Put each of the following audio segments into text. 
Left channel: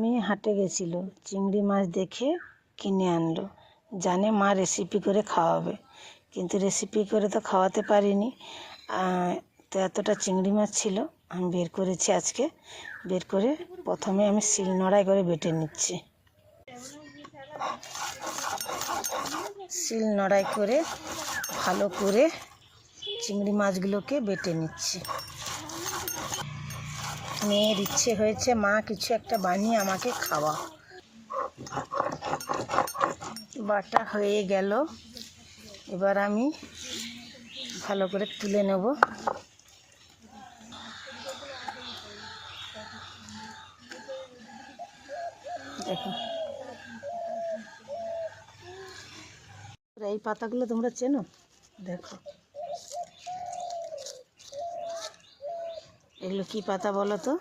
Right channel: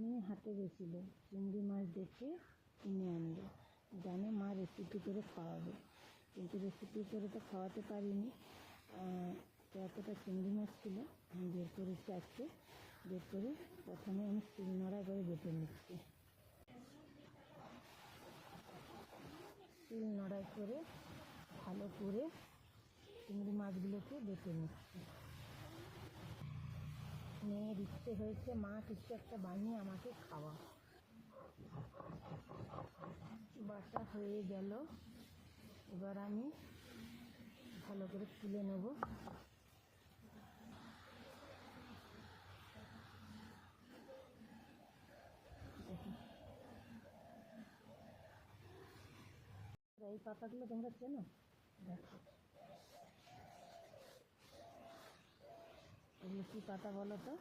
মেয়ে হাটে গেছিল, চিংড়ি মাছ দেখে কিনে আনলো। জানে মা রেসিপি করে খাওয়াবে, কিন্তু রেসিপি করে তো খাওয়াতে পারিনি। তো এতটা চিংড়ি মাছ ছিল, আমি বের করেছি আজকে। বের করে প্রথমে আমি শিলনোড়ায় করে বেটে নিচ্ছি। শিলনোড়ায় করে ভালো করে চিংড়ি মাছগুলোকে বেটে নিচ্ছি। মেয়ের ইচ্ছে হয়েছে মা কিছু একটা বানিয়ে আমাকে খাওয়া। বাটা হয়ে গেল, এবার আমি ভালো করে তুলে নেব। দেখো, এই পাতাগুলো তোমরা চেনো? দেখো এগুলো কি পাতা বলো তো?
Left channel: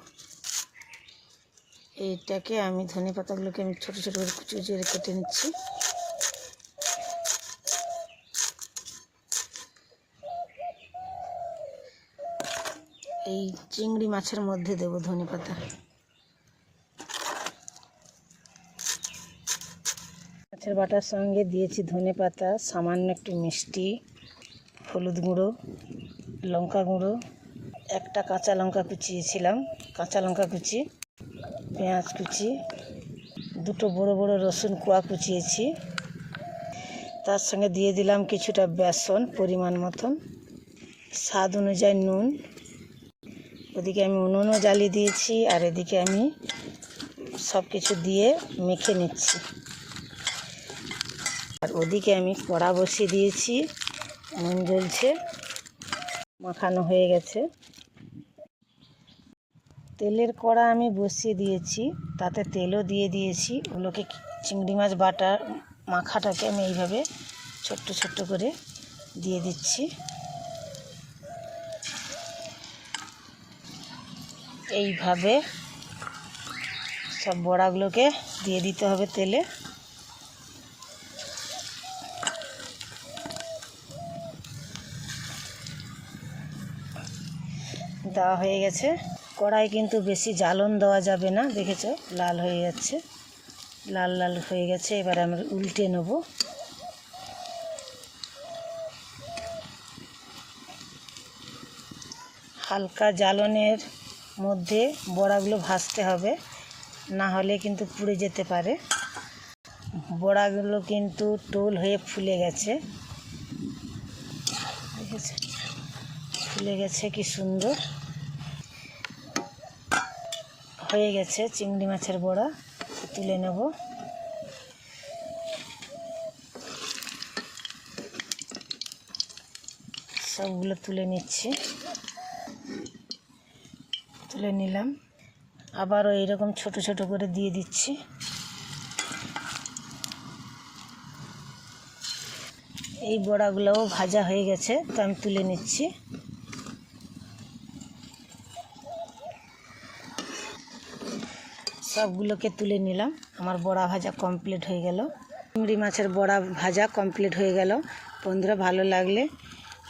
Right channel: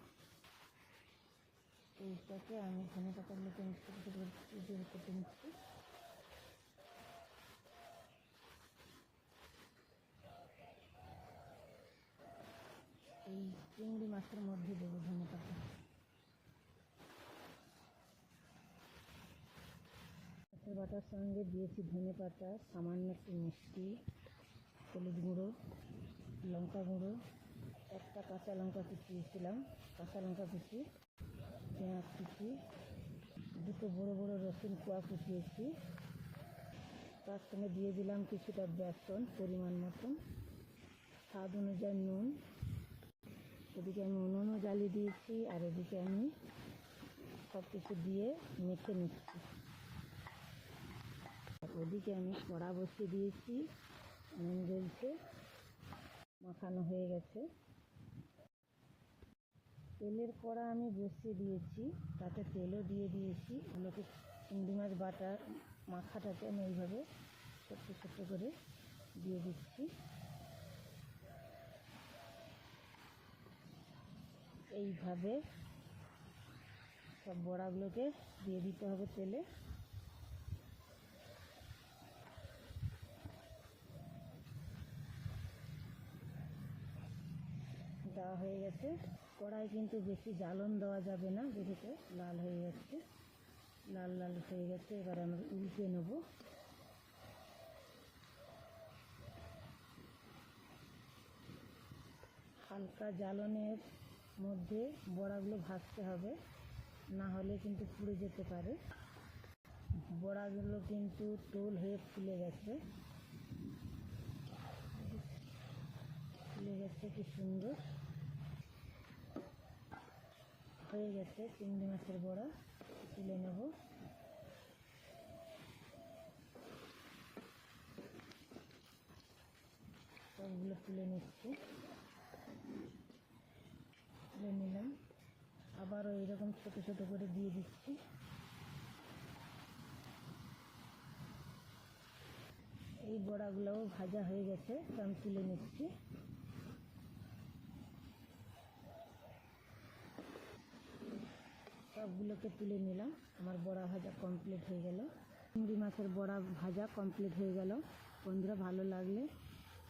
এইটাকে আমি ধনে পাতাগুলোকে আমি ছোটো ছোটো করে কুচি কুচি করে কেটে নিচ্ছি। এই চিংড়ি মাছের মধ্যে দেব ধনে পাতা। মাছের বাটার সঙ্গে দিয়েছি ধনে পাতা, সামান্য একটু মিষ্টি, হলুদ গুঁড়ো, লঙ্কা গুঁড়ো, একটা কাঁচা লঙ্কা কুচিয়েছিলাম, কাঁচা লঙ্কা কুচি, পেঁয়াজ কুচি, দুটো বড় বড় রসুন কোয়া কুচিয়েছি। তার সঙ্গে দিয়ে দিলাম কিছুটা বেসন পরিমাণ মতন, স্বাদ অনুযায়ী নুন। ওদিকে আমি উনুনও জ্বালিয়ে দিয়েছি, আর এদিকে আমি সব কিছু দিয়ে মেখে নিচ্ছি। আর ওদিকে আমি কড়া বসিয়ে দিয়েছি, নুন জ্বলছে, মাখানো হয়ে গেছে। তেলের কড়া আমি বসিয়ে দিয়েছি, তাতে তেলও দিয়ে দিয়েছি। ওগুলোকে চিংড়ি মাছ বাটার মাখাটাকে আমি এইভাবে ছোট্ট ছোট্ট করে দিয়ে দিচ্ছি। এইভাবে সব বড়াগুলোকে দিয়ে দিতে হবে তেলে। দেওয়া হয়ে গেছে। কড়াই কিন্তু বেশি জ্বালন দেওয়া যাবে না, দেখেছো লাল হয়ে যাচ্ছে, লাল লাল হয়ে গেছে। এবার আমরা উল্টে নেব। হালকা জ্বালনের মধ্যে বড়াগুলো ভাজতে হবে, না হলে কিন্তু পুড়ে যেতে পারে। বড়াগুলো কিন্তু টোল হয়ে ফুলে গেছে, দেখেছো ফুলে গেছে, কি সুন্দর হয়ে গেছে চিংড়ি মাছের বড়া। তুলে নেব। সবগুলো তুলে নিচ্ছি, তুলে নিলাম। আবারও এইরকম ছোট ছোট করে দিয়ে দিচ্ছি। এই বড়াগুলোও ভাজা হয়ে গেছে, তো আমি তুলে নিচ্ছি। সবগুলোকে তুলে নিলাম। আমার বড়া ভাজা কমপ্লিট হয়ে গেল। চিংড়ি মাছের বড়া ভাজা কমপ্লিট হয়ে গেল। বন্ধুরা, ভালো লাগলে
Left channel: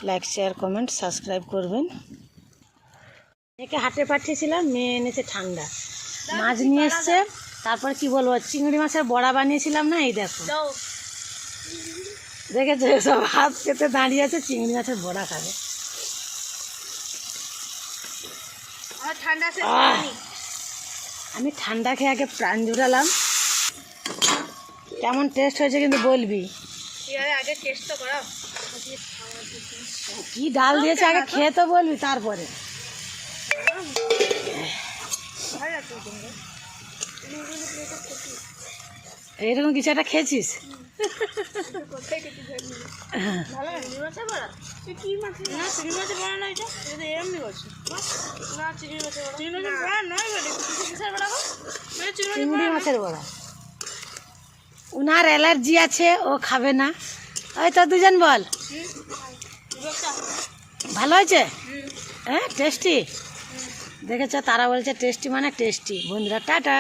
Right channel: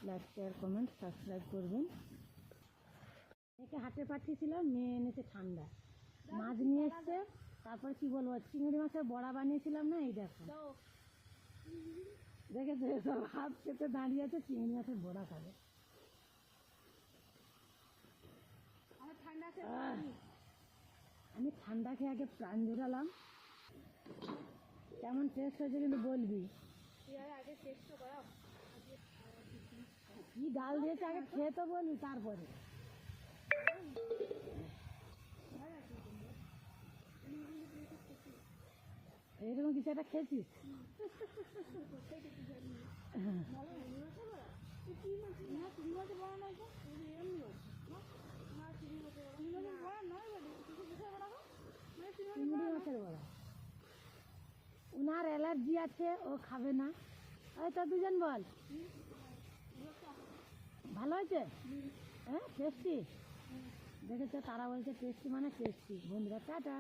লাইক, শেয়ার, কমেন্ট, সাবস্ক্রাইব করবেন। মেয়েকে হাটে পাঠিয়েছিলাম, মেয়ে এনেছে ঠান্ডা মাছ নিয়ে এসছে। তারপর কি বলবো, চিংড়ি মাছের বড়া বানিয়েছিলাম না, এই দেখো দেখেছো, সব হাত পেতে দাঁড়িয়ে আছে, চিংড়ি মাছের বড়া খাবে। আমি ঠান্ডা খেয়ে আগে প্রাণ জুড়ালাম। কেমন টেস্ট হয়েছে কিন্তু বলবি। আগে টেস্ট তো করা, কি ডাল দিয়েছে আগে খেয়ে তো বলবি, তারপরে। এইরকম কিছু একটা খেয়েছিস? চিংড়ি মাছের বড়া। উনার অ্যালার্জি আছে, ও খাবে না। ওই তো দুজন বল, ভালো হয়েছে? হ্যাঁ, টেস্টি। দেখেছ, তারা বলছে টেস্টি মানে টেস্টি। বন্ধুরা, টাটা।